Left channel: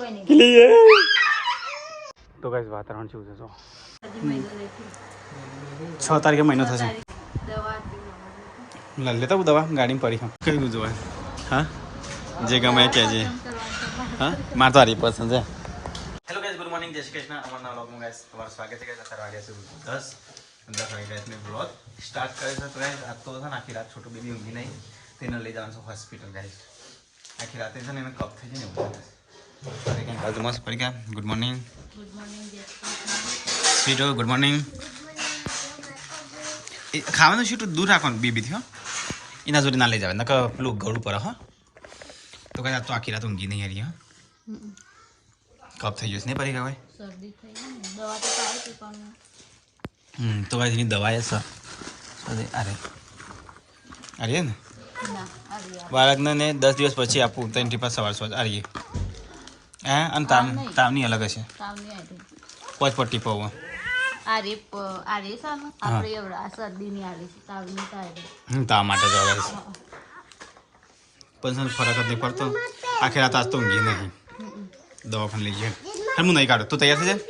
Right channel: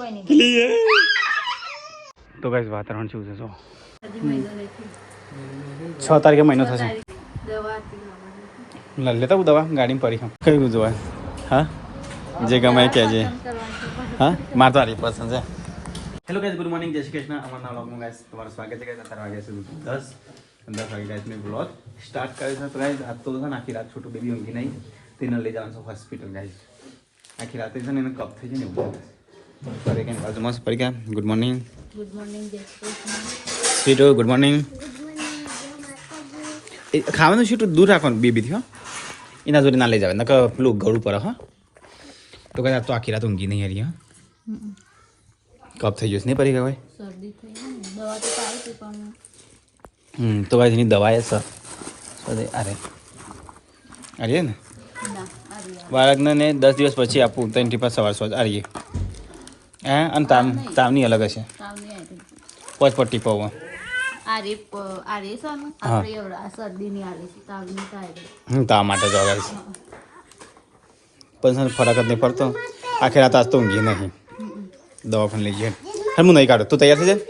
Clear તો guys વાતાવરણ શું છે જો 6 તારીખે મહિનો થશે લેતા હું દવા ગાડીમાં પડી ખામ કયું જોવા હા જે ગમે કહેજે હા મારે તો આરી પસંદ છે હેલો ગાઈસ ગુડ મોર્નિંગ જય શ્રી કૃષ્ણ અમારા વ્લોગમાં ગાઈસ તમારું સ્વાગત છે ગાઈસ 4 વાગ્યા સુધી 10 વાગે ગાઈસ મેં વ્લોગ સ્ટાર્ટ કર્યો છે તો ગાઈસ આજ તો છે ને આખી રાત છોટું બેબી ઊંઘી નહીં તેને લઈ જવાનું છે હોસ્પિટલ ગાઈસ આખી રાતે છે ને એને કફ થઈ જાય ને એવું પડી ગયા બાજુ મસ્ત પડી ગયા ગુડ મોર્નિંગ જય શ્રી કૃષ્ણ સ્વીટો ગુડ મોર્નિંગ ખાવાનું શું દૂર રાખવાનું બેબીથી હો એના જોડે ના લઈ જાવે નકર પેલું ગળું પર હા તો કઈ તો આખી રાત ઊંઘી નહીં હારી હા કફ થઈ જશે નહીં પડી ગયા શરદી થઈ દવા તો આવી પણ તો ભાઈ એની દવા એ સર અરે અરે ને બાળકને ને 10 દિવસ પછી આપવું ત્રણ ટીપા સવાર આરીએ હા અને તાવની અલગ હશે પાંચ ટીપા હોય તાવ માટે જવા છે પણ ફરક જ નહીં પડતો આખી રાત આજ તો ઊંઘી નહીં દવાખાને લઈ ગયા હું નહીં કાઢું તું તૈયાર થઈ જાય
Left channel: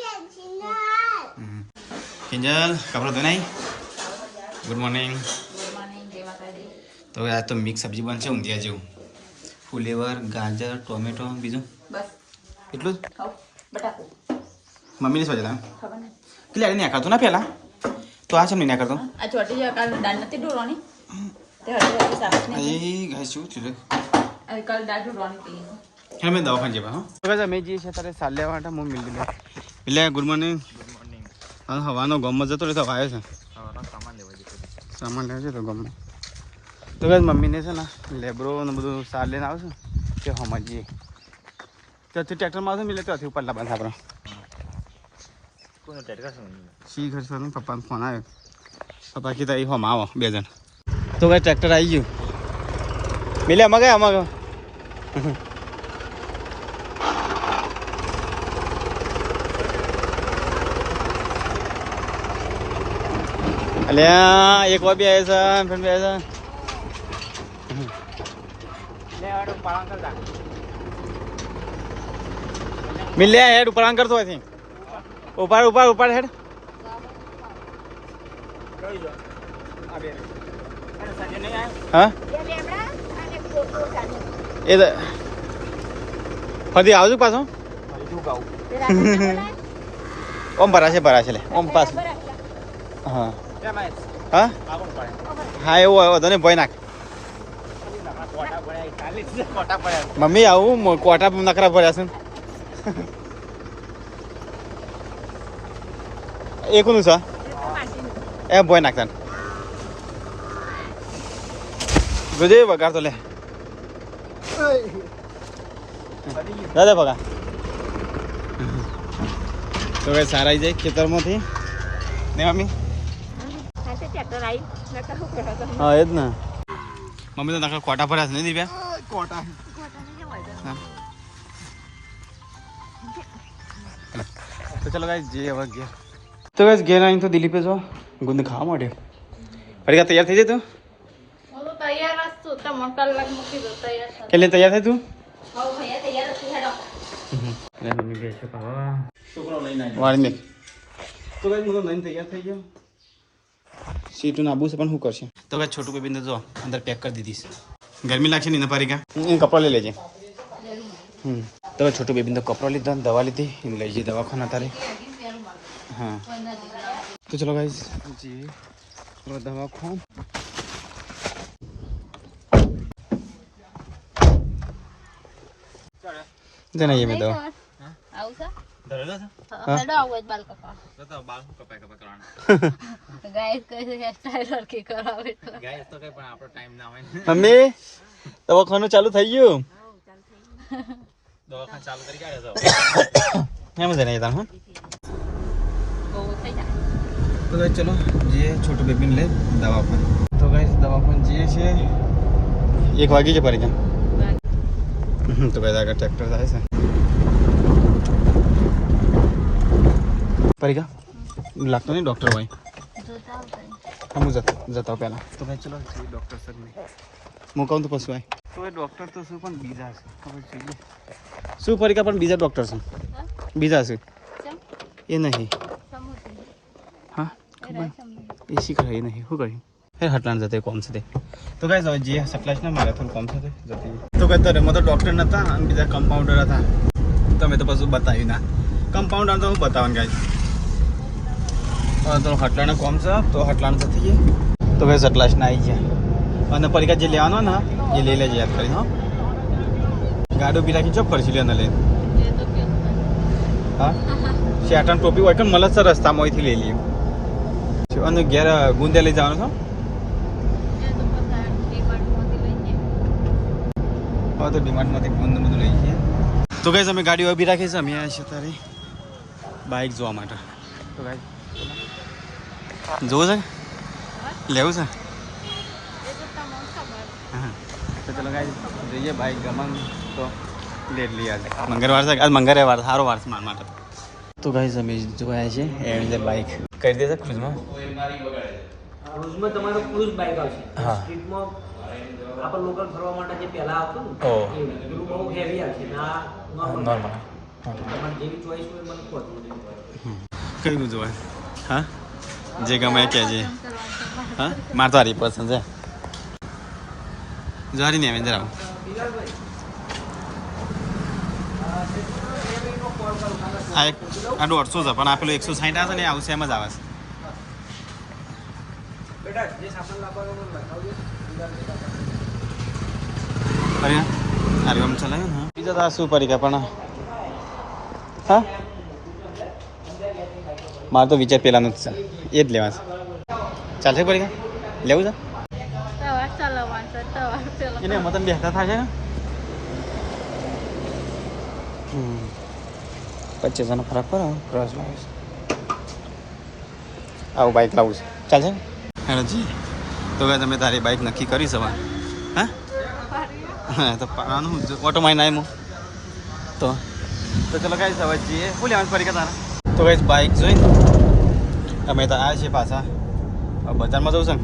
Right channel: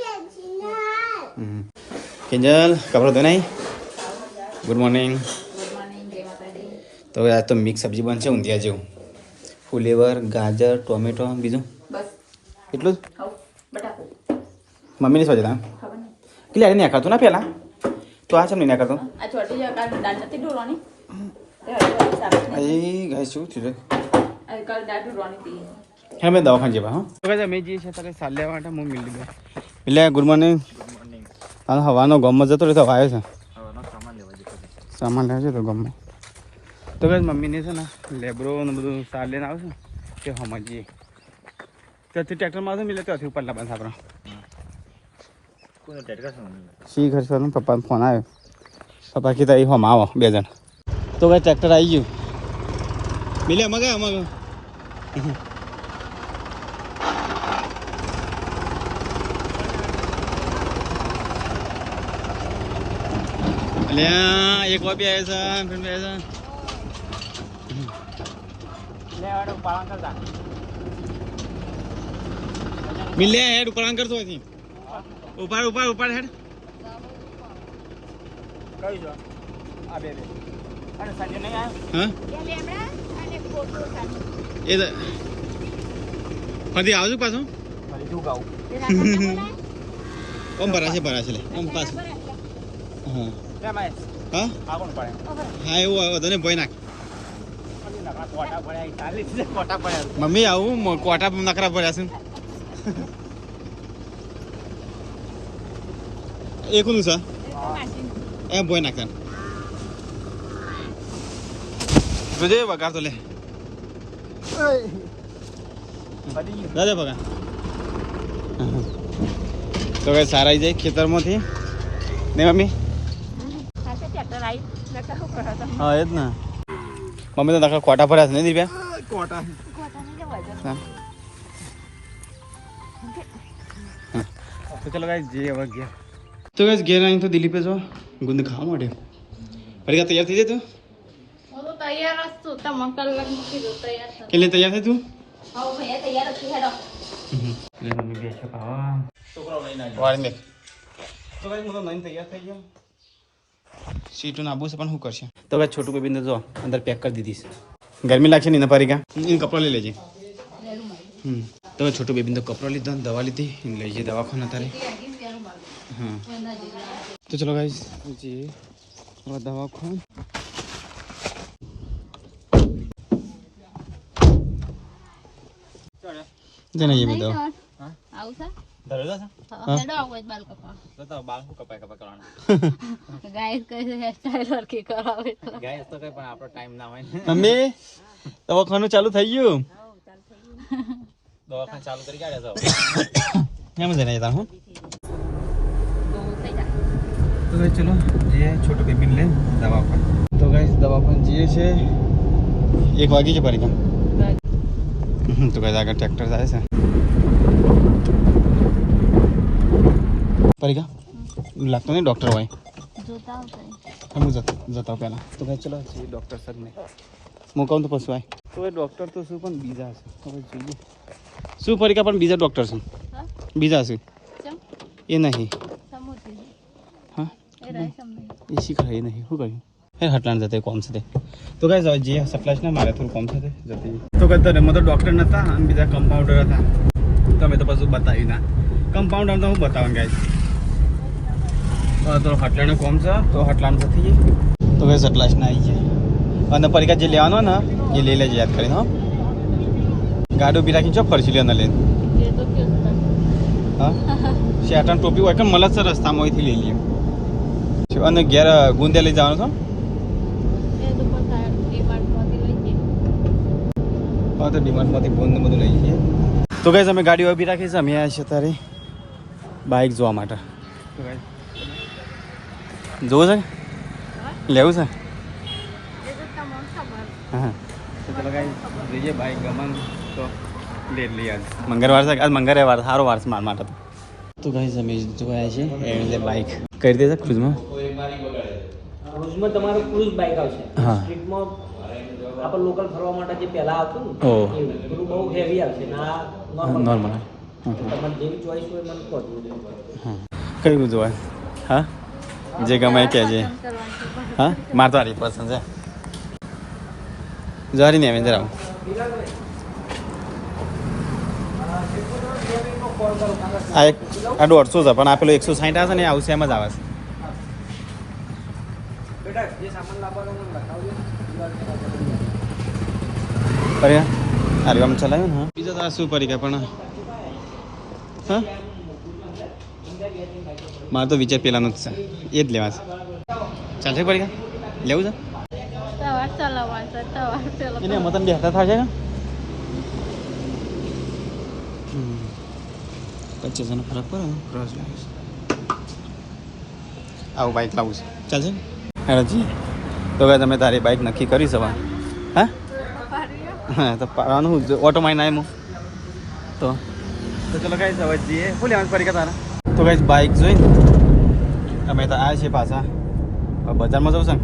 કિંજલ કપડો ધોઈ નહીં ગુડ મોર્નિંગ તો હવે આજ તો મિક્સ સબ્જી બનશે ઊંધિયા જેવું ફુલેવર ગાજર ટોમેટો બીજું એટલું જ મમ્મીની સોચે તા એટલે અરે નહીં કરતું ના પહેલાં તો આ સમય ના કરતો શું થયું હા મેં દવાખાને જેવા હા મેં જઈએ છીએ તારે સાલ લેવા માટે હું મિલ દીધા એટલે ગુડ મોર્નિંગ હાલ હવાનો ગમમાં જતો રહે તો આવ્યો છે સામાન લેવા જતો ગમમાં તો કઈ મમ્મીને છે ને લેબરો ને બધું સાર લઈને આવશે તે સમજીએ ત્યાંથી ટ્રેક્ટરમાં આવશે મિલે ત્યાંથી ઉપરલા બંધ આપણા શી ખર્ચવાનું પપ્પાને ફોન આવ્યો પપ્પા કીધા એ હમ આવો 2 જણ તો કઈ ટ્રેક્ટર આવી ગયું મિલે અમારે અમારે અલ્યા એક વાર બી આવે છે ફ્રેન્ડ બી આવે છે મિલ લે હેડ ઉપર કરતો હોય ઉપાડ હેડ હા એ ફરી આવજો પાછો ઓમ ભરાશે લે ઓમ પાસ હા હા હા એવું આવ્યો તને ભય નાખ મમ્મી આવું કોટા નકરા ભર્યા છે એકનું છે એમ ભય નાખતા જોજે વગાર તો લે દાદા પગા તો કઈ સારા આવી જાય ખેતરમાંથી ને મમ્મી હા એ જ ને મમ્મી તો નકરા કોટા ભર્યા છે નહીં દીપ્યા કોટા તો ચલો ગાઈસ જે હવે ગયા તો ગાઈસ ઘેર આવીને તો દિલીપે જો ગુંદ ખાવા માટે ફરી તૈયાર થઈ જાય તું કેટલે તૈયાર થાય તું મમ્મી બે છે ભાવા વાળને તો ગાઈસ હું તો લઈને તૈયાર થઈ ગયો સીટું આબુ છે પણ શું કરશે તો ભાઈ છોટું બેબીને જો અંદર પેક કરી દીધી ગરમી લાગશે ને ફરી ગયા કપડાં લઈ લેજે તો ભાઈ છોટું બેબીને તો કપડાં લીધા દવા લીધી એને લઈ જઈએ દવાખાના તારે હા તો ચલો ગાઈસ જી દવાખાન જને ये में दो आउ सा दरवाजा सा हेडो आउ बाल कपा तो बाल कपाय करवाना गाइस कैसे हेयर स्टाइल और के करावे गाइस तो कई पण આપણો ટાઈમ ના હોય મમ્મી દવાખાનું ચાલુ થઈ ગયું દવાખાનું ચાલુ કરી કાઢે છો એમ જ નહીં તા હું તો ગાઈસ ચલો જે છોટું બેબીને લે દવાખાન તો ગાઈસ દવાખાન જે છે 1 વાગે છે પડી જામ તો ગાઈસ આગળ ટ્રેક્ટર જાય છે પડી ગયા લાગતો નહીં ડૉક્ટર હોય હું જતા પહેલાં તો ભાઈ ચલો ડૉક્ટર સર નહીં હું કહું તો પછી આય તો એ ડૉક્ટર તો શું પણ બીજા છે ખબર જોઈએ શું પરીક્ષા પણ બીજા ડૉક્ટર છે બીજા છે એ નહીં હા એ શીખવાય એ નહીં શું કર્યું એ હટલાણ જતે કોમ છે તો કઈ જે સકલાશ ના મારે થોડું કોમ છે જતી તો કઈ તરે તો ડૉક્ટર નહોતા અને બીજા કમ્પાઉન્ડર હતા તમે તો પાછું બતાવ્યું ના કમ્પાઉન્ડર તો હું બતાવું ગાઈસ તો હટલાણ કોમ છે તો હટલાણ જતી છે તો કઈ સકલાશ ના આવી ગયા અને પરીક્ષા જે લેવાનો ને એ લઈ લેજે યાદ કરીને ગાડી ઉભી રાખી ચો ફરસી લે લઈને હા શેટન ટોપી હોય કે મળે સર રસ્તામાં અહીંથી લઈ લઈએ અને ઘેર ગુંદે લઈ જવાનું છો હા તો ડિમાન્ડમાંથી ગુંદ બધું લઈ જઈએ તો કઈ અમે ગાડી ઉભી રાખી છે અમે આવ્યા છે તારે બાઇક જોવા માટે તો કઈ જોવું છે લેવું છે હા તો ચલો કઈ જોઈએ બાઇક ગમન તો લે લઈએ આજ મંગળવાર છે આજ મંગળવાર સારો વાર છે મારા માટે તો ગાઈસ અમે જોયા છે એન્ડ બાઇક કરી દે ક્રુઝમાં તમારું ક્રુઝ બાઇક આવશે સ્ટ્રીટમાં આપણે લોકલ ફરવા માટે જે પહેલા આવતું ને એવું પેલું બહુ હેવી આવશે ને આ નોર્મલ તમારે જેવી ચોઈસ હોય મને કહો કયું જોવાય હા જે ગમે કહેજે હા મારે તો હારી પસંદ છે જારી નહીં આવે જરા આ એક આ 150 છે પણ આ પેલો 160 આવે ને આવશે એમ જ આવે છે અરે આમ ચલાવ્યું ને બીજો તો આ શું પરીક્ષા પણ હા મારે તો વિચાર પેલાનું જ છે એ જ લેવા છે ચાલશે પરીક્ષા લેવું છે એને મતન બે હતા થાય છે 25,000 ફરક પડે ક્રોસ આવું બાઇક લાવું છે ચાલશે હેલો જી તો ભાઈ તમે તારી બાઇક નક્કી કરી સવા હા હા તો પાડવાનું ઓટોમાં ના એમ તો ચલો કાંઈ સવાજ જઈએ શું લેવાની પરીક્ષા તારા તો કાંઈ બાઇક જોઈને અમે તો આ છે પાછા બજારમાં જવું છે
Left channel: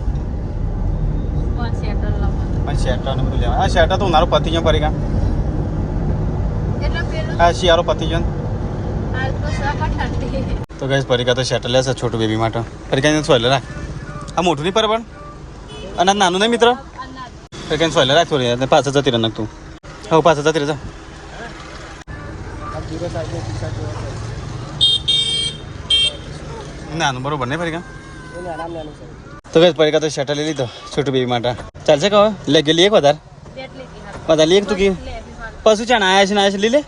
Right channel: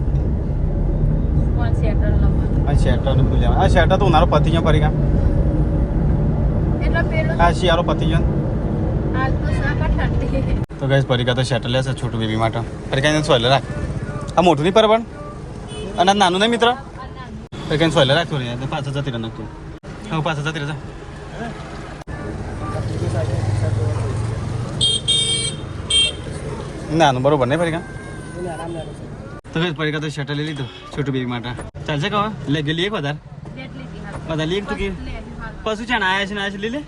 ને શેટર બધું લેવા હા શેટર તો ઉનાળો પતી ગયો પરીક્ષા હા શિયાળો પતી ગયો તો ગાઈસ પરીક્ષા તો શેટર લેશે છોટું બેબી માટે પરીક્ષા સોયલે રાખ આ મોટું નહીં પર પણ અને નાનું નહીં મિત્ર પરીક્ષા સોયલે રાખ થોડી પાછળ જતી રહે નાખતું હવે પાછળ જતી રહે નાનું બરોબર નહીં પરીક્ષા તો ગાઈસ પરીક્ષા તો શેટર લઈ લીધો છોટું બેબી માટે ચાલશે કહો લે ગયેલી એક વધારે લે એક તું કે પશુ ચાણ આયા છે ને આયા છે લઈ લે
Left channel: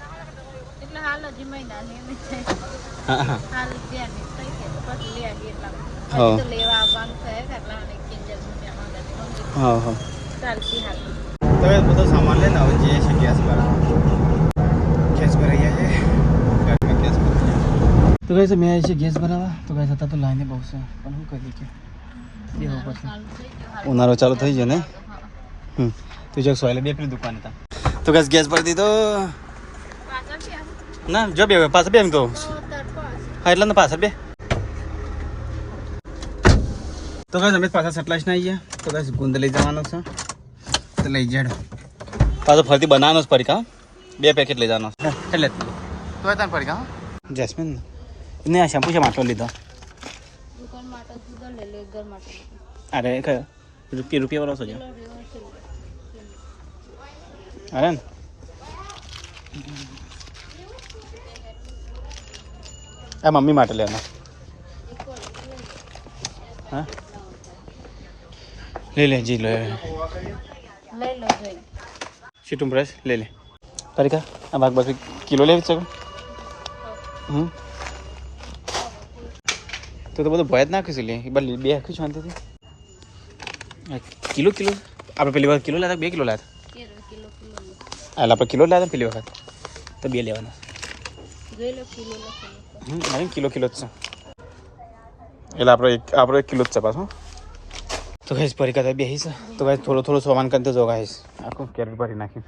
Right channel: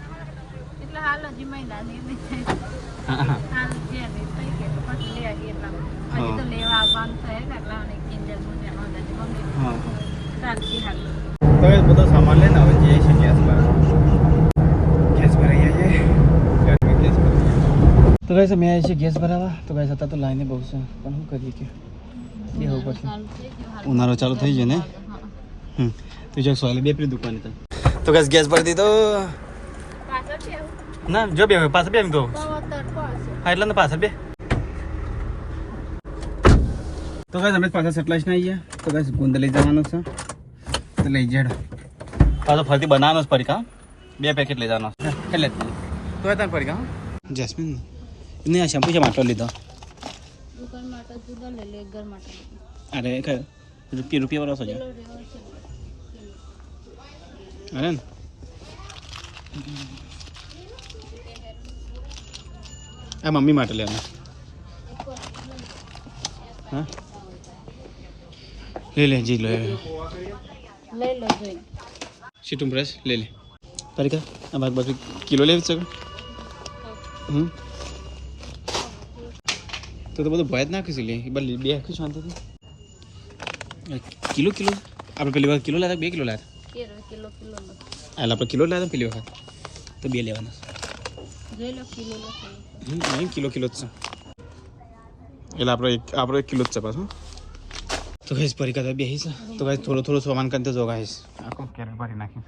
હા હા હવે બધો સામાન લે ને હવે જે છે ગેસ ભરાઈ ગયા છે ગેસ તો કહે છે મેં આવી છે ગેસ ભરાવા તો કહે છતાં તો લાઈને બહુ છે પણ શું કરીએ કે એવું પછી ઉનાળો ચાલુ થઈ જાય ને તું જો સોયલે બે પેલી દુકાન હતા તો કઈ ગેસ ભરી દીધો ના જો બે પાછળ બે તો હા એટલે પાછળ બે તો કઈ અમે પાછા સેટલાઇસ ના આવી ગયા તો કઈ ગુંદ લઈ જવાનો છે તો લઈ જાય પાછો ફરતી બનાવવાનો જ પડીકા 2 પેકેટ લઈ જવાનો એટલે તો તને પડીકા જેસ્મિન ને આ શેમ્પુ છે માટલો લીધો અરે કયો રૂપિયા વાળો છો અરે ને આ મમ્મી માટે લેવાનો હા લે લે જી લો સીટું બ્રશ લે લે પરીકા આ ભાગ ભાગ કિલો લેવી શકો તો બધું ભય જ નાખીશું લે એ બદલી બે આખી શાંતિથી કિલો આપણે પેલી વખત કિલો લાવ્યા 2 કિલો લાવ્યા એટલે આપણે કિલો લાવ્યા પેલી વખત તો 2 લેવાના નહીં કિલો જ છે એટલે આપણો 1 કિલો જ છે પાછો તો ગાઈસ પરીક્ષા બેસી છે તો ગાઈસ થોડો સામાન કરતો જો ગાઈસ આખો કેરેટ ભરી નાખી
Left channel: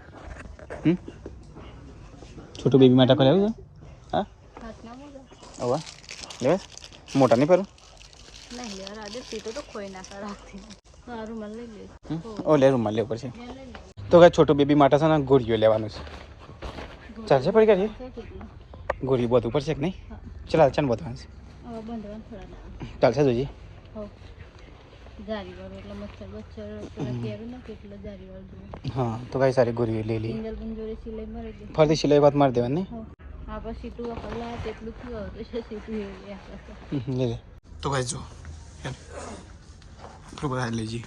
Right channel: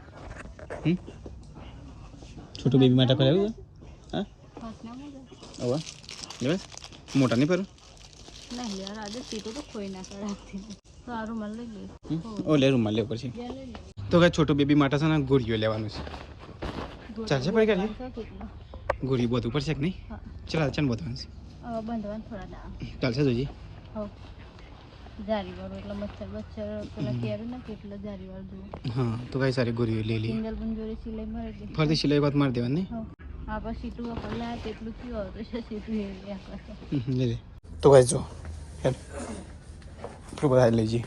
છોટું બેબી માટે કોઈ લેવું છે હા હવે લેવા મોટા નહીં પર ઓ લે રૂમમાં લેવું પડશે તો કાંઈ છોટું બેબી માટે છે ને ગોળીઓ લેવાનું છે ચાલશે પડી કાઢીએ ગોળી બહુ ઉપર છે કે નહીં ચાલ ચાલ બધું ચાલશે જોજી હા તો કઈ સારી ગોળી લઈ લઈએ ફરતી સિલાઈ વાત મારી દેવાની લે તો કઈ જો પેલું બધા લઈ જઈએ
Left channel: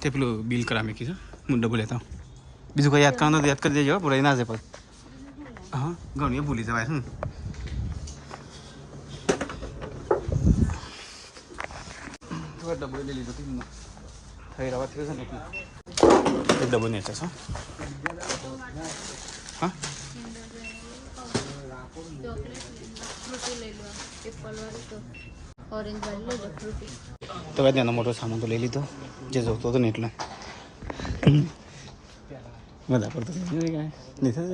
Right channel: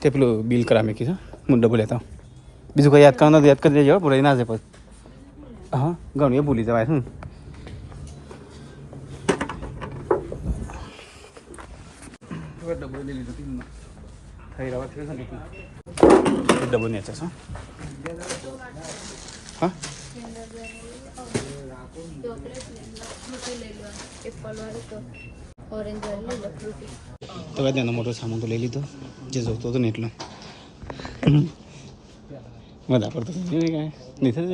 તે પેલું બિલ કરા મેં કીધું મુંડો બોલ્યા બીજું કંઈ યાદ કરવાનું યાદ કરી દેજો ભૂલાઈ ના જાય પછી હા ઘણું એ ભૂલી જવાય શું ડબ્બો લઈ લીધો થઈ રહ્યા થયો છે ને એક ડબ્બો ને હા હા તો કઈ તેનો મોટો સામાન તો લઈ લીધો જે જોતો હતો ને એટલો બધા પડતો નહીં થશે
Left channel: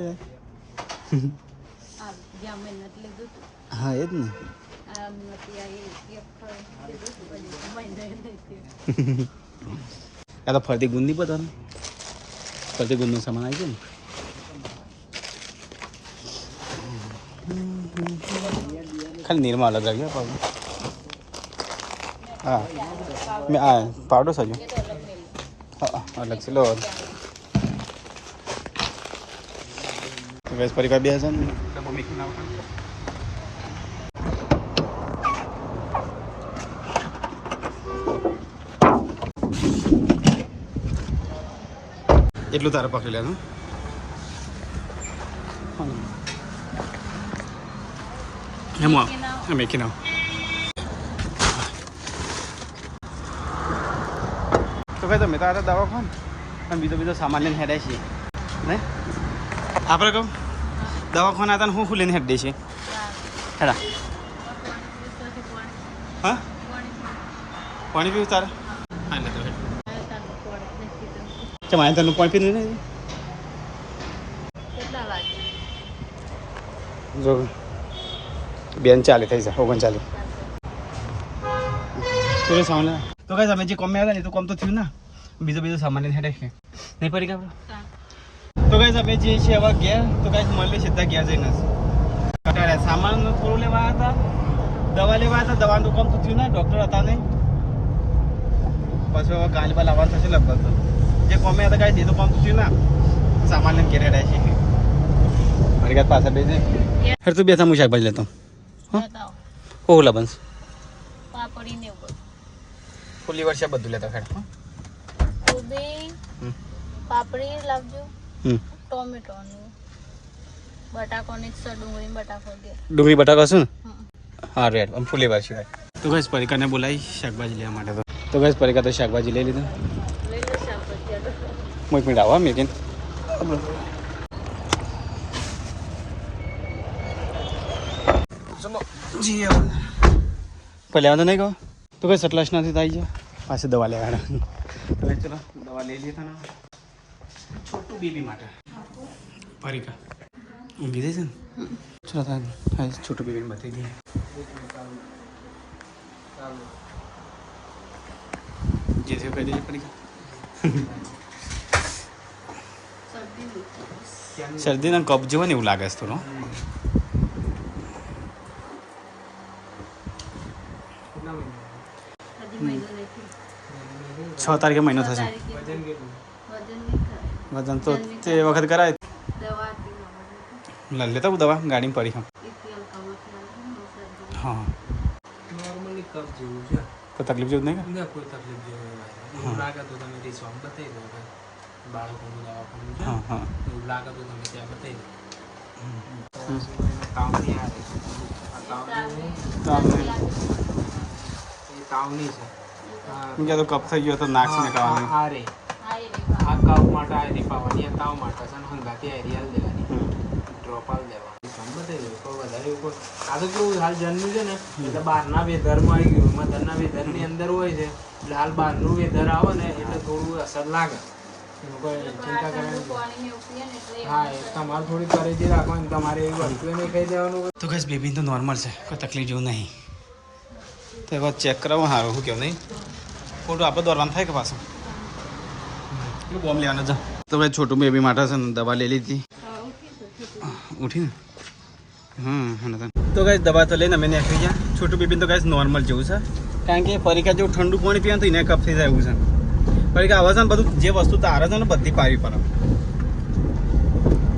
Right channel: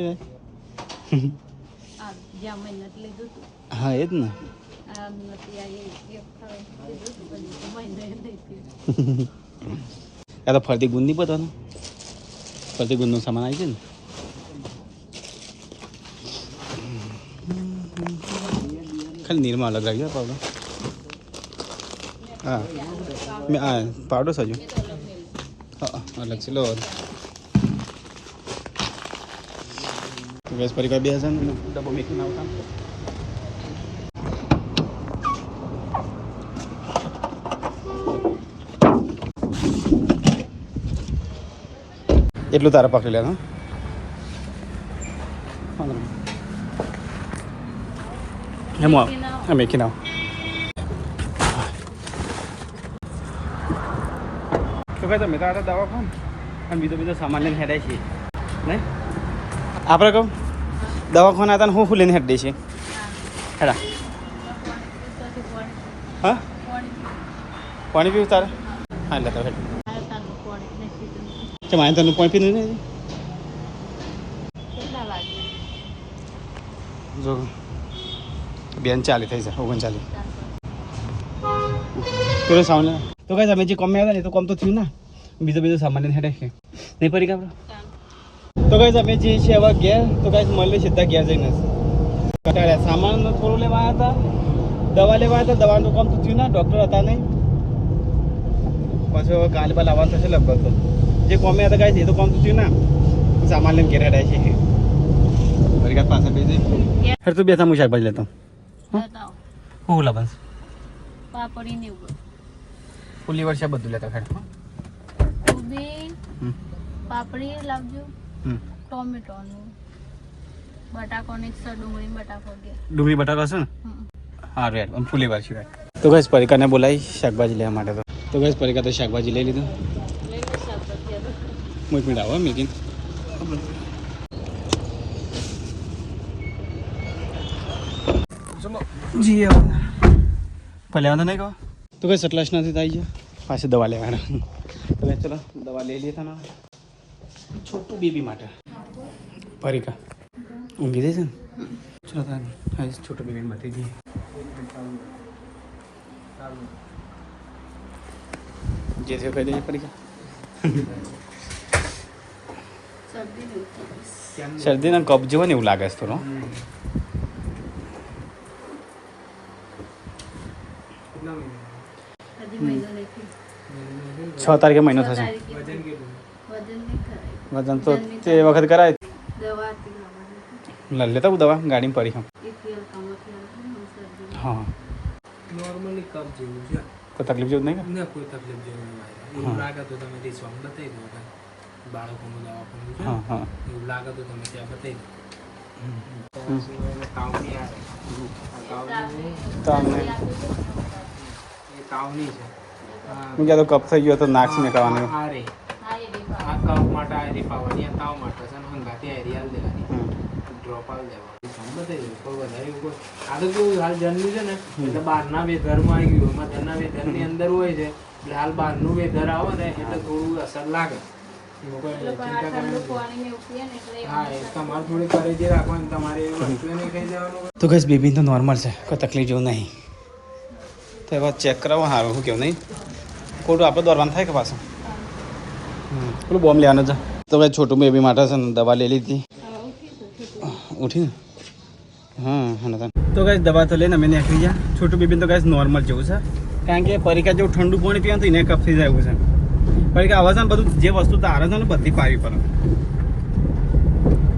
હા એ જ ને યા તો ફરતી ગુંદ નહીં પતો ને ફરતી ગુંદનું સામાન આવી છે ને ખાલી નીરમાં અલગ લાગ્યો પાવડર હા મેં આ પાવડર સજો હા અલગ છે લો ગેસ પરિવાર બે હજાર ડબ્બો મેકીને આવતા એટલું તારે પકડી લેવાનું એમ મેકી નાવ તો ભાઈ તમે તો આ દવા ખાઓ ને અને બીજો સામાન લઈને હેડાય છીએ નહીં આપણે કહું દવાખાના હતા ને હું લઈને હેડ દે છે હેડા હા પાણી પીવું તારે હા એટલે તો હેડ કે મારે તને પાણી પીવું નહીં જો બેન ચાલે થઈ જાય 39 પેલો સામાન તો કઈ તમે જે કોમ આવ્યા ને તો કોમ તો થયું ને બીજો સામાન લઈને હેડે છે નહીં પડી ગયા તો કઈ અમે જે છે હવે ઘેર તો કઈ મળે સીધા ઘેર જઈને કટાડ્યા સામાન થોડું લેવા હતા દવા લેવા હતા દવાનું કામ તો થયું ને ડૉક્ટર હતા નહીં પાછો કાલે બા લાવવાનું થશે લગભગ જે કોમે હતા કાંઈ જે તો કામ તો થયું ને સામાન લઈને ઘેર રહ્યા છે ફરી કાંઈ પાછા બેસે હર તું બેસા હું શાકભાજી લેતો હું લાવવાનું ફૂલી વર્ષે બધું લેતા ખેડ પાપડી લાવજો ટોમેટો બટાકો ડુંગળી બટાકા શું હા રેડ આમ ફૂલી વાર સિવાય તો ગેસ પરિકાને બોલાવી શાકભાજી લેવા માટે તો ગેસ પરિકા તો શાકભાજી લઈ લીધું હું એક મિનિટ આવો મેકીને ચલો જી પહેલે વાંધો નહીં કહો તો કઈ સટલાશ નથી આવી જાય પાછી દવા લેવાના તો ભાઈ ચલો દવા લઈ લઈએ તને છોટું બેબી માટે પરિકા ઊંઘી દે છે ને ચલો હા છોટું બેબી બતાવી દઈએ જે છે કહી દઈએ પરિકા શરદીના કપ જેવો ને એવું લાગે છે થોડો 6 તારીખે મહિનો થશે વજન તો તે વખત કરાય લેતા હું દવા ગાડીમાં પડી હા નોર્મલી કપ જેવું છે કોઈ તકલીફ જેવું નહીં ને કોઈ તકલીફ જેવું એવું લાગે તો તમે રીસોન બતાવી દો બાળકોનું દવાખાનું છે હા હા એવું લાગે તો તમે ત્યાં બતાવી દો તાવની છે હું કહેતો કપ થઈ ગયો તો નાક મેકાવાનું આ રે આ કપ માટે આ રી પાવાની આ તાવ માટે છે હંગાતી એરિયા દેવાની ડ્રોપ આલ દેવાની બતાવી દો કોઈ વધારે કોઈ આ તો કેવું હાલ જન્મી છે ને એટલે બહારના વેધરમાં આવી ગયું એમાં ઘરના વેધરની અંદર હોય છે એટલે હાલ બહારનું વેધર આવે ને એટલે થોડું અસર લાગે ચિંતા કરવાની હા એ તમારે થોડી પરેજી રાખવાની તમારે એવી વસ્તુ નહીં ખાઈ દેવાનું તો કઈ બેબી તો નોર્મલ છે કોઈ તકલીફ જેવું નહીં તો એવા ચેક કરાવો સારું શું કેવું નહીં ખોટું આપણે દોરવાનું થાય કે પાછું પેલું બોમ્બ લેવાનું છે તો ભાઈ છોટું બેબી માટે છે ને દવા લઈ લીધી ઉઠી હા તો ગાઈસ દવા તો લઈને અમે નીકળી ગયા. છોટું બેબીને તો ગાઈસ નોર્મલ જેવું છે, કારણ કે પરીક્ષા જેવું ઠંડુ પાણી પીવાનું તો એને કફ થઈ જાય એવું છે. પરીક્ષા આવા છે ને બધું જે વસ્તુ તારે છે ને બધી પાવી પડે.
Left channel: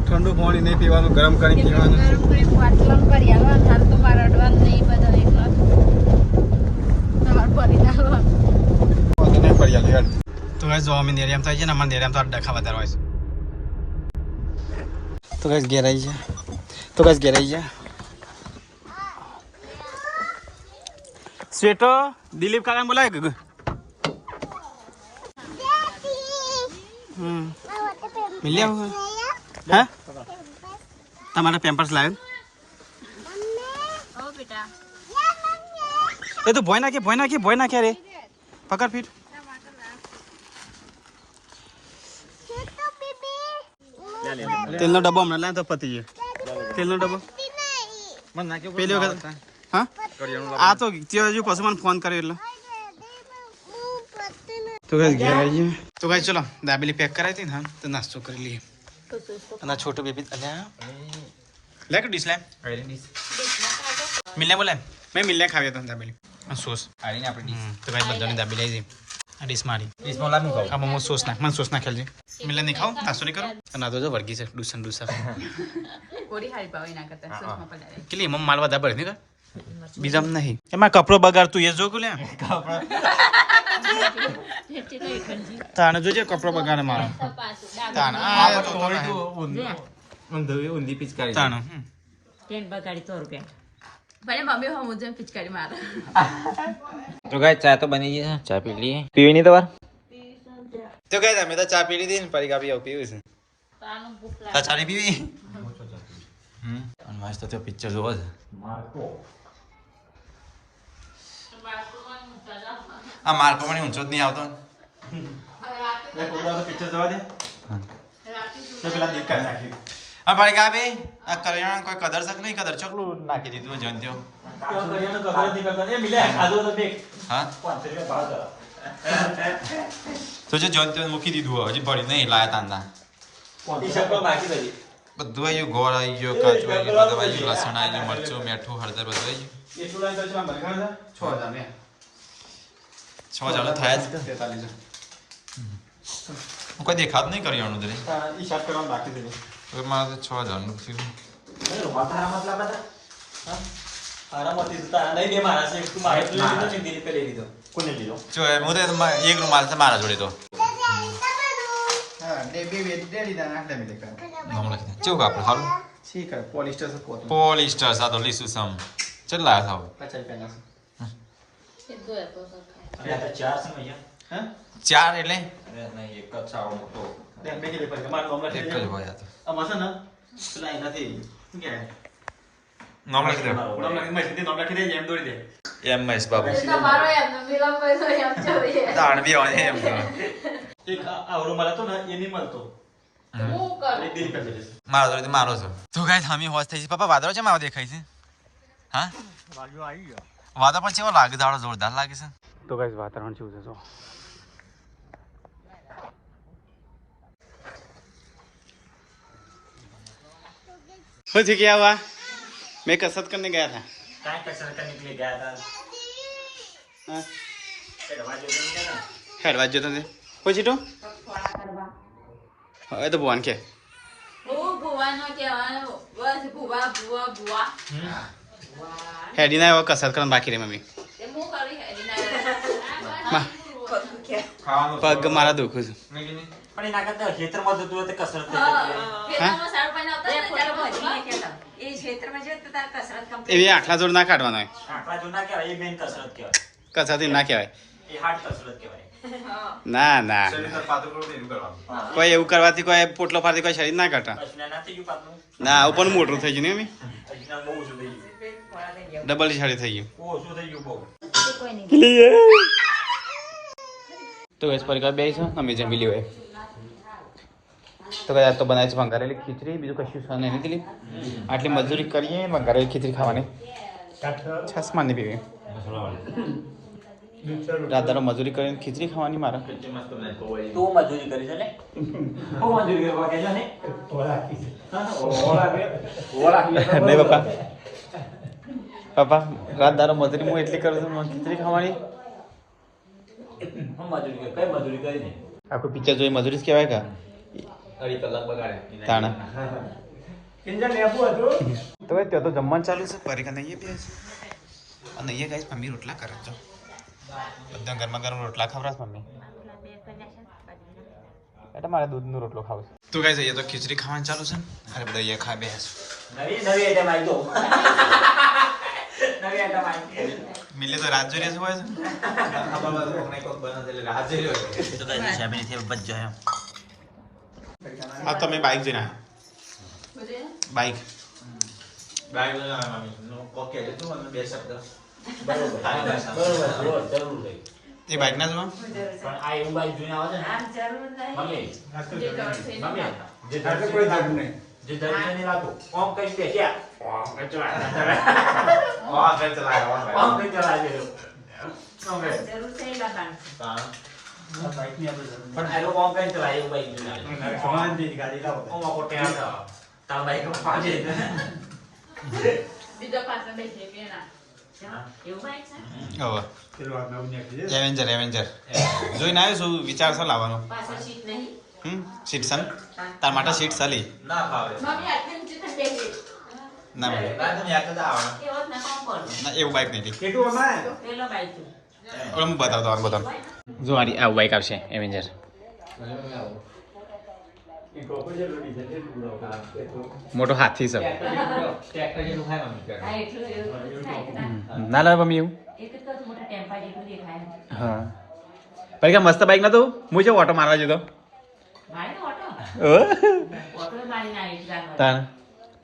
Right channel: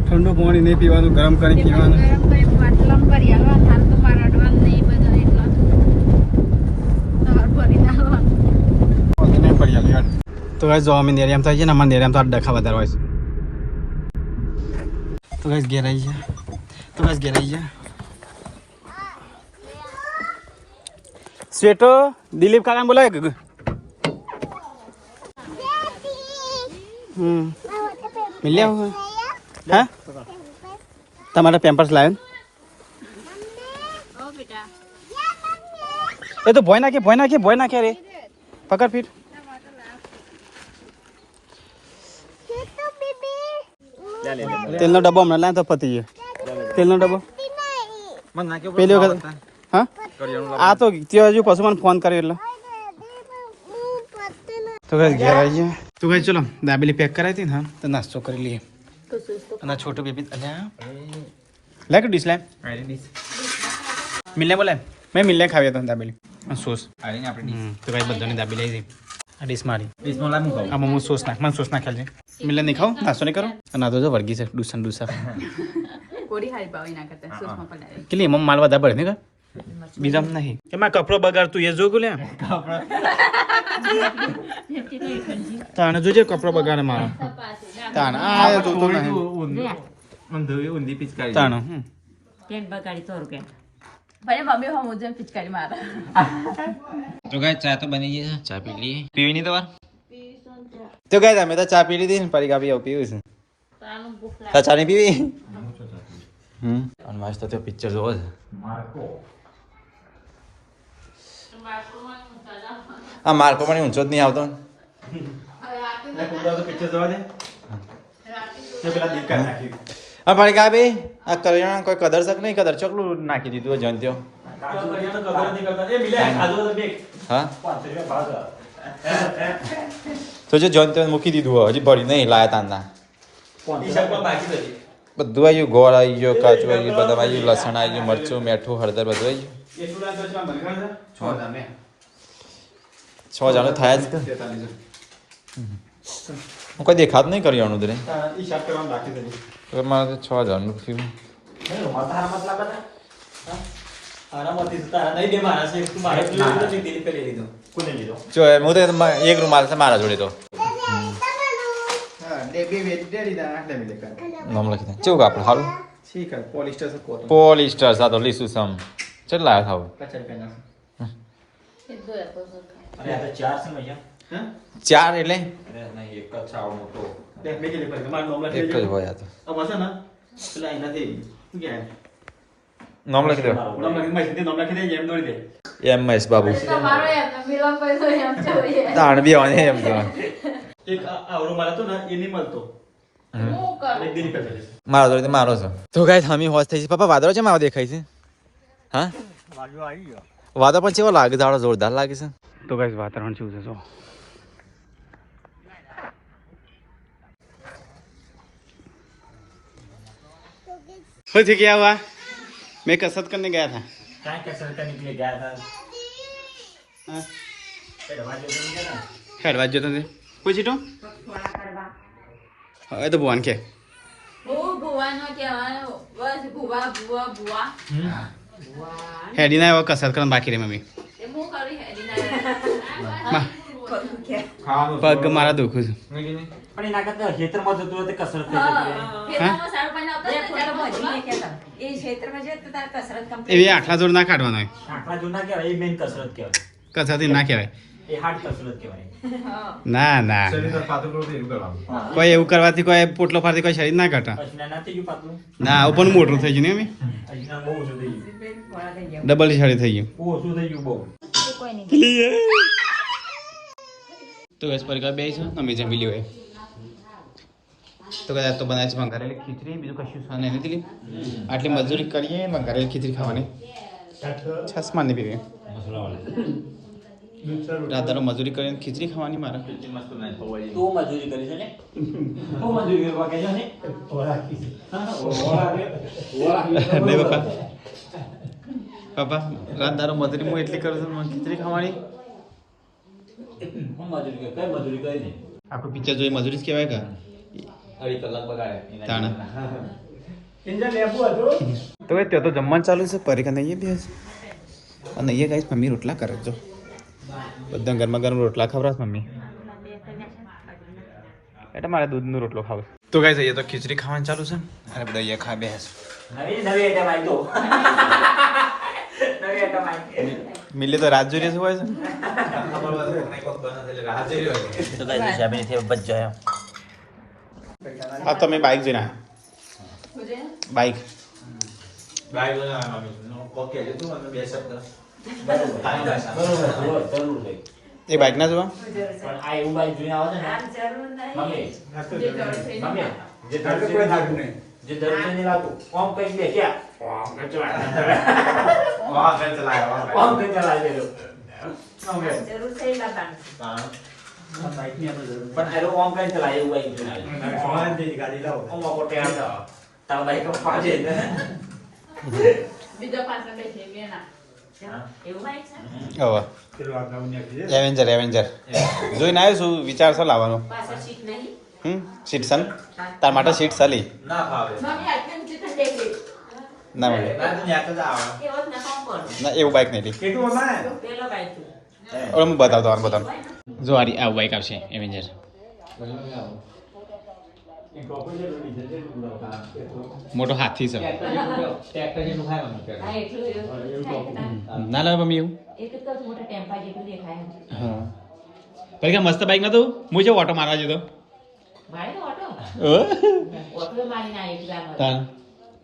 ઠંડુ પાણી નહીં પીવાનું, ગરમ કરીને પીવાનું. તો ગાઈસ જો અમે નેરિયામ થાય છે ને, અમારે નેરિયામ તો ડખા વધારે હોય છે. તો ગાઈસ ઘેર આવી છે. સ્વેટો દિલીપ કાકાને બોલાય કે મિલ્યા હું હા તમારા પેમ્પર્સ લાવ્યો એ તો ભોય નાખે રે પકડ ફીટ તેલનો ડબ્બો હમણાં લાવ તો પતી ગયો. તેલનો ડબ્બો પેલી વખત હા આ તો ત્યાં હજુ પશુ મને ફોન કર્યો એટલે તો કઈ ઘેર આવી ગયા. તો કઈ ચલો દાબેલી પેક કરાવી હતી ને, હા તો નાસ્તો કરી લઈએ. અને છોટો બેબી અલ્યા લે કે ડીશ લે મિલને બોલાય મેં મિલને ખાવી હતો દાબેલી સોસ. તો કઈ બધાને દાબેલી આવી જાય. આ ડીશ મારી આમાં હું સોસ નાખ, મને સોસ નાખેલ છે. મિલને નહીં ખાવું, નાસ્તો નહીં કરો. અને આ તો જો વર્ગી છે ડૂસા કેટલી એમાં માલ વધારે પડે ને કા બીજા નહીં એમાં કપડો બગાડ તું એ જો લે તાણે જોજે કપડો બગાડે મારો તાણે આ જોતો નહીં ઊંધી પિચકારી તાણે તો ગાય ચા તો બની ગઈ છે, ચા પી લઈએ. પીવી નહીં તમારે? તો ગાય અમે તો ચા પી લીધી ને પડી કાપી પીવું છે. ચા નહીં પીવી અને મસ્ત તો પિક્ચર જોવો છે. આ માર્કો પણ ઊંચો જ નહીં આવતો. પિક્ચર જોવા દે હા પડી કાપી આ કરિયાણા કોઈ કદર શક નહીં કદર ચોકલું નાખી દીધું જયંત્યો હા તો જો જયંત્યો મૂકી દીધું હજી ભરી નહીં લાયા તાંદા બધું આવી ગયું. ગોળ આવી ગયો, કાચું આવી ગયું, બદામ આવી ગયું, લસણ આવી ગયું, મરચું, મીઠું, હળદર બધું આવી ગયું. 6 જાણું થાય જ કોઈ દેખાતું નહીં કરિયાણું દરે મારે 6 જાણું થયું. એક રૂમાલ છે મારા જોડે તો નામ લખી દે કેવું કાપડ સારું પોલિસ્ટર સાથે લીસું સમ કેટલા થાવ 4 એટલે એક જ હોય આ તો નામ લખી દે MS બાબુ તાણ બી આવે એમ મારો જોડે મારો છો તો ગાઈસ હમી હોશ થઈ છે. પપ્પા વાદળો છે મારો દેખાય છે હા વાદળ પણ કેવો લાગે છે, જોરદાર લાગે છે. તો ગાઈસ વાતાવરણ કેવું છે જો પછી क्या हुआ मैं कसरत करने गया था हेडवा जतो ने પછી તો હવે તો ભુવાન કે હેડી ના કસરત કરવાનું બાકી રે મમ્મી પગ મારા દુખું છે એવી આખલા જોડ ના કાઢવાનો કસરત ના કહેવાય ના ના કોઈ એવું કરવાથી કોઈ પોટલો ફાડતી કોઈ શરીર ના કાઢા ના આવું પણ મોટું થઈ ગયું ને એમ ડબલ શરીર થઈ ગયું તો ગેસ પર બે છે અમે જમી લ્યો તો કદાચ તો બનાવી છે વંગારેલી ખીચડી બીજું કશું નહીં લીધેલી આટલી મજૂરી કરીએ વંગારેલી ખીચડી ખાવાની છસમાં નહીં પીવી રાત દાડો મજૂરી કરીને ખીચડી ખાવાની મારે તું મજૂરી કરી છે ને હું મજૂરી કરવા કે ને નહીં પપ્પા પપ્પા રાત દાડો મજૂરી હું એટલી કરું છું મને ખીચડી ખાવાની હું મજૂરી કરી કઈ મજૂરી કરી ને આખું પિક્ચર જોઈ મજૂરી જ કહેવાય કા અઢી કલાક બગાડે તાણા તો ભાઈ ત્યાં તો જમવાનું ચાલુ છે પરીક્ષા નહીં બેસ અને અહીંયા ગાઈસ મમ્મી રોટલા કરે જો બધા ગરમા ગરમ રોટલા ખવડાવ મમ્મી એટલે મારે દૂધનો રોટલો ખાવ તો ગાઈસ અહીંયા તો ખીચડી ખાવાનું ચાલુ છે અરે બધા અહીંયા ખા બેસ નવી આઈટમ આવી તો નવી આઈટમ આવી મિલે તો રાત જોઈ હોય છે તો કઈ હિસાબે થી બચ જાય હા તમે બાઇક જઈને બાઇક એ બાઇક ના જોવા પણ આ એવું બાઈક જોઈને આવે છે ને મમ્મી મમ્મી જે જરૂર છે ને લાગતું કોમ કરી દે ક્યાં કોમ કરી ચલાવે જરૂર છે પણ આ લોકો કોમ કરી ચલાવે એવું બાઈક જોઈને કોમ પોતે આમ તારા બાઈક પાજે ને બીજો પાછો બેસી ગયો એવું બાઈક છે હવે એવેન્જર એવેન્જર જોઈને આવ્યો છું વિચાર છે લાવવાનો પાછળ સીટ નહીં સીટ સન તાર માટે સીટ ચાલી ના ફાવે મમ્મી આટલી નીચે તો દેખી ના મમ્મી ના તું યાદ જ આવે એવો જ નકામ પર ના એવું બાઇક નહીં લી પેલો બાઈક તું હવે હું બતાવતો આ બતાવ જો આરી આ બાઇક આવશે એવેન્જર મોટો હાથી છે ટ્રેક્ટર જેવું ખાય ને હા એટલું એવું ના લાવે મમ્મી એવું એક તો મોટા ટેમ્પા જેટલું દેખાય હા પરીક્ષા મસ્ત બાઇક નતું હું જે ઓટો મારવા જતો મારે ઓટો ઓટો મારી ના એક જાનો તાણ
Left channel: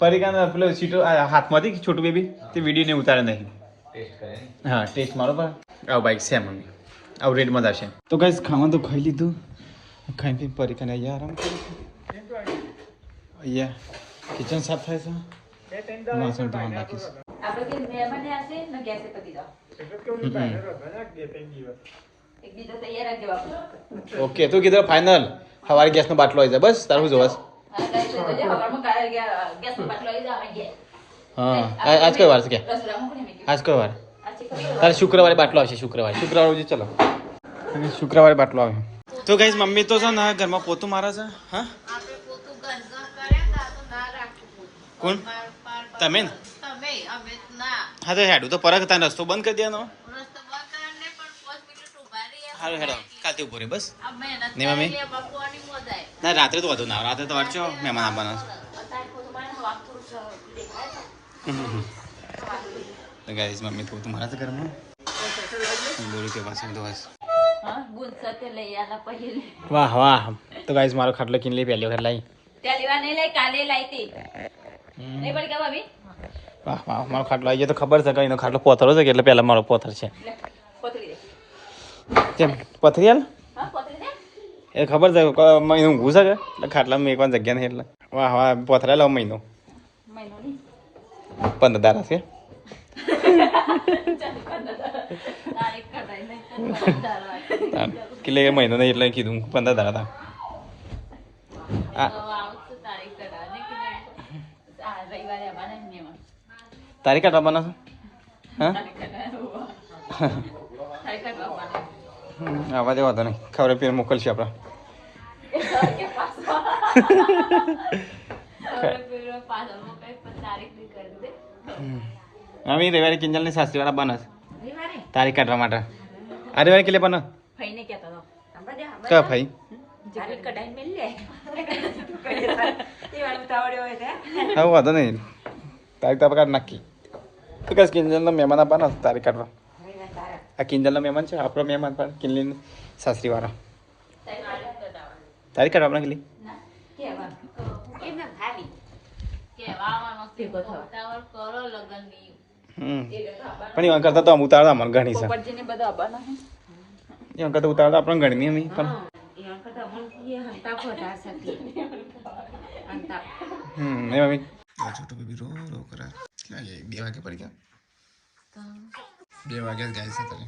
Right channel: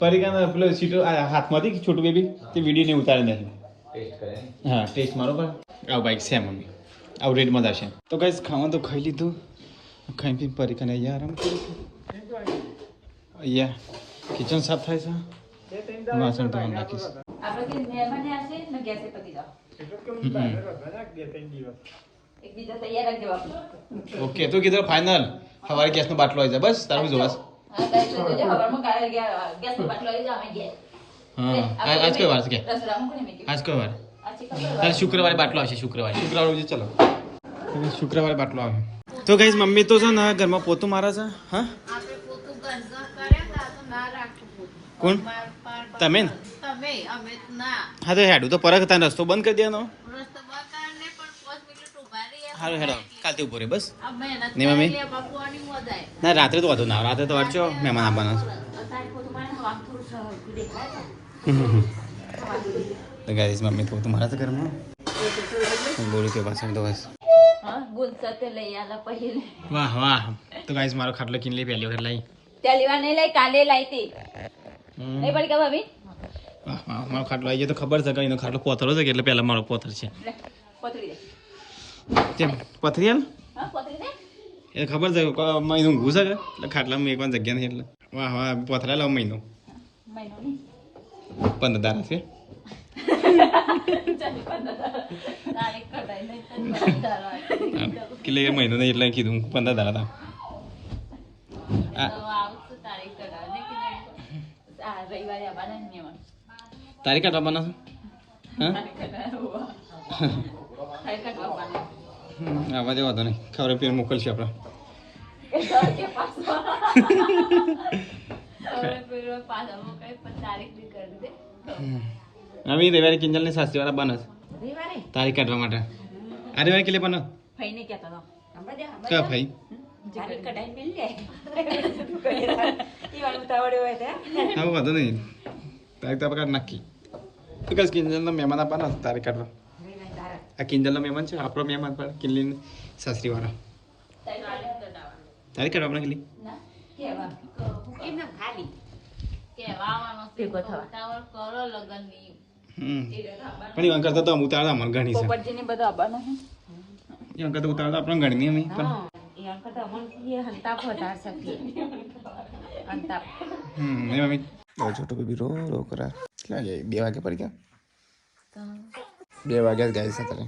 પરીક્ષા પેલો સીટો હાથમાંથી છોટું બેબી તે વિડીયો ને ઉતારે નહીં ટેસ્ટ કરે હા ટેસ્ટ મારો પર આવું બાઇક છે મમ્મી આવું રેટમાં જ આવશે તો કઈ ખાવાનું તો ખાઈ લીધું ખાઈ પી પરીક્ષાને અહીંયા આરામ કરી અહીંયા કિચન સાફ થાય છે વાસણ ધોવાનું નાખીશ આપણે જે મહેમાન આવશે ને ગેસે પતી જાવ એક બીજા તૈયાર રાખજો આપણે ઓકે તું કીધું ફાઇનલ સવારે ગેસનો બાટલો આવી જાય બસ તારું જોવાસ હા આજ કઈ વાર છે કે આજ કઈ વાર તારે શુક્રવારે બાટલો આવશે શુક્રવારે રોજ ચલો શુક્રવારે બાટલો આવે તો કઈ મમ્મી તો છે ને ઘરમાં પોતું મારે છે હા કોણ તમે ને હા તો હેડું તો પરખ હતા રસ્તો બંધ કરી દેવાનો હારું હેડો કાલથી ઉભો રે બસ નહીં મમ્મી ના રાત્રે તો વધુ ના રાત્રે તો વાંચો મહેમાન આવવાના તો ગાઈસ મમ્મી તો તમારા તો ઘરમાં બોલી કે પાછળ તો બસ વાહ વાહ તો ગાઈસ મારો ખાટલો કિન લઈ પહેલી વખત લાવી વાહ વાહ મારો ખાટલો આવી જાય તો ખબર છે કે એનો ખાટલો પોથરો છે કે એટલે પહેલા મારો પોથર છે કેમ પથરી હાલ એ ખબર છે મહિનો ઊંઘું છે કે એટલે ખાટલામાં એક વાર જગ્યા નહીં એટલે વાહ વાહ પોથરા લાવ મહિનો 15 દાડા છે એટલે મહિનો નહીં એટલે કીધું 15 દાડા તારીખ કાઢવાના છે હા આવા દે વાંધો નહીં ખબર પેર મોકલશે આપણે અમે રવિવારે કિંજલની સાસરીવાળા બને તારીખ કાઢવા માટે આ રવિવારે કેટલે બને કયા ભાઈ હા વાંધો નહીં તારીખ તો આપણે કાઢ નાખી તો કઈ કિંજલના મહેમાન આપવાના તારીખ કાઢવા આ કિંજલના મહેમાન છે આપણો મહેમાન પણ કિંજલની સાસરીવાળા તારીખ કાઢવા આપણે કેટલી પણ એવા કરતા તો આમ ઉતારતા અમને ઘણી છે એવા કરતા ઉતારતા આપણને ઘણી અમે પણ એ મમ્મી છોટું બેબી રો રો કરા કેટલા 2 વાગે પડી ગયા 2 વાગ્યા ગાય છે તારે